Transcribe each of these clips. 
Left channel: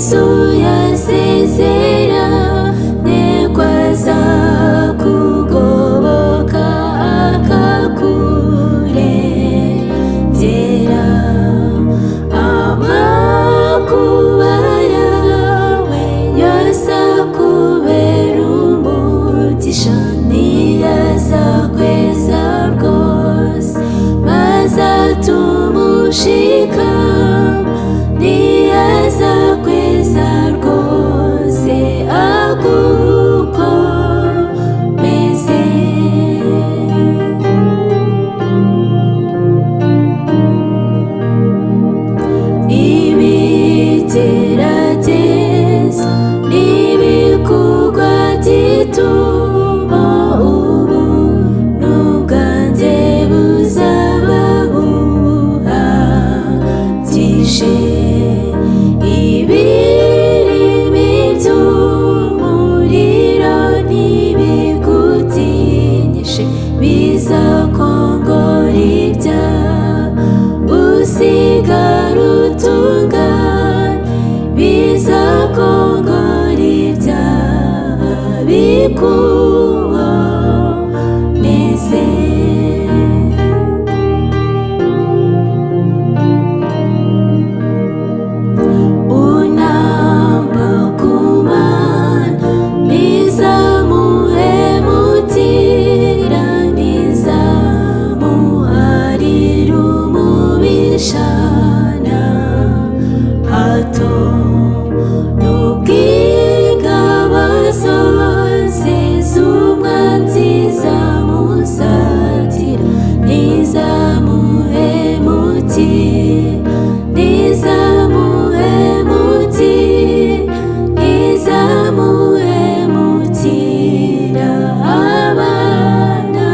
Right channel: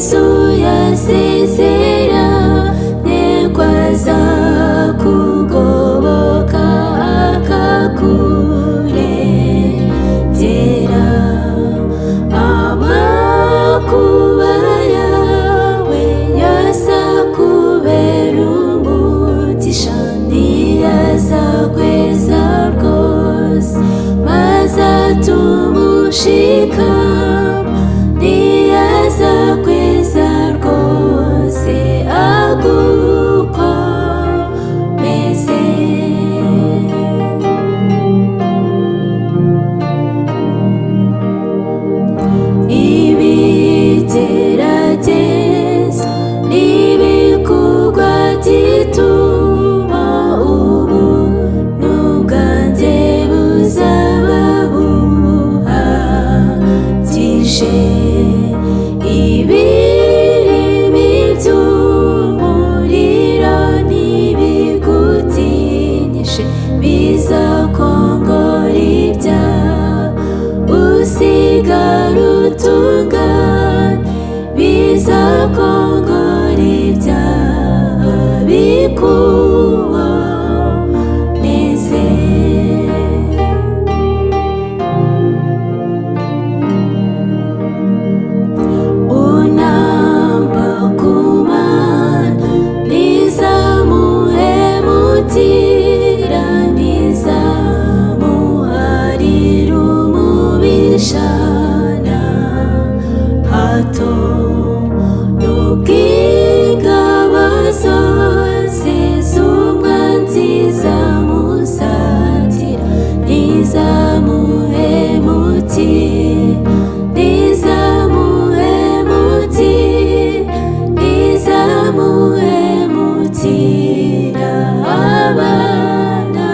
Yesu yasezeranye ko azakugoboka akakurengera amakuba yawe yose akubera umugisha niyazakweza rwose maze atuma ushikama niyazakweza rwose agukomeze ibigeragezo n'ibikugwa gituma ubuntu bwanjye buzaba buhagije ibirimi by'umuriro n'ibigutinyishe bizakongora ibyaha usigara utunganye bizakongora ibyaha bikuboneze unamba kumana nizamuhemukira nizamuharira umubishana hato n'ubw'ingabo zose z'umwanzi zamusatira nizamuhemukira nizamuhemukira abana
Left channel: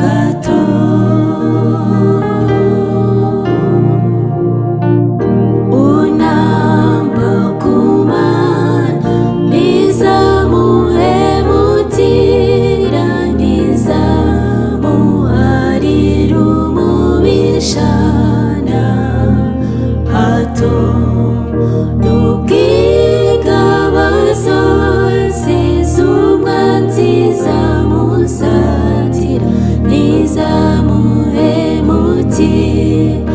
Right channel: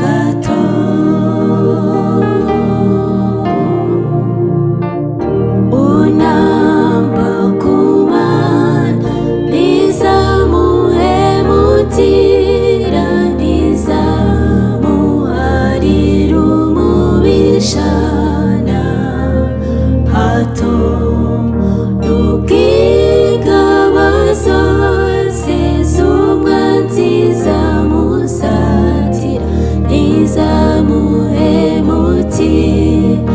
gato unamba kumana nizamuhemukira nizamuharira umubishana hato n'ubw'ingabo zose z'umwanzi zamusatira nizamuhemukira